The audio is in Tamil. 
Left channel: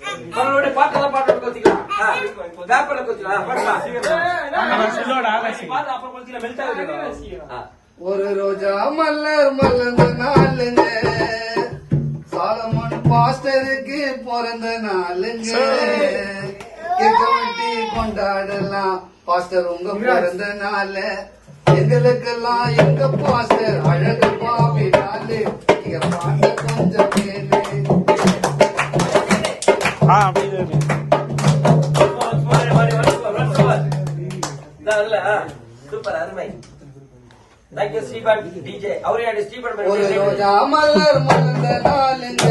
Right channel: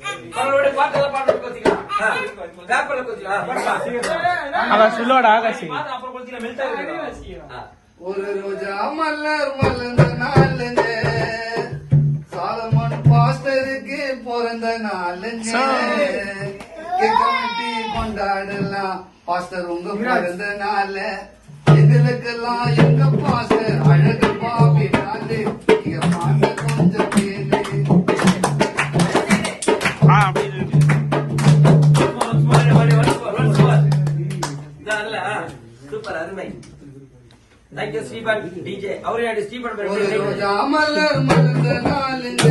மறுபடியும் பாட்டெல்லாம் பாட்டு கொத்திக்கலாம் வேப்பல கொத்திக்கலாம் சொல்லோட ஆகாசி அப்புறம் கொத்திக்கலாம் மெல்ட் ஆகுது. ஒரு ரோஜா மலர் மலர்ந்த நாளுங்க சாலமன் பாஸ்டருக்கு பிறந்த நாளுங்க கமிட்டி கொண்டாடலாம் பாஸ்டர் உங்க பிறந்த நாள் எங்களுக்கெல்லாம் எங்க பாஸ்டர் அழகு பாவி நாளு நீங்க பாட்டு கொஞ்சம் கேளு. சூப்பர் அருமை. ஸ்ரீபாட் டிஜே அவரே ஸ்ரீபாட் ஒரு ரோஜா மலர் மலர்ந்த நாளுங்க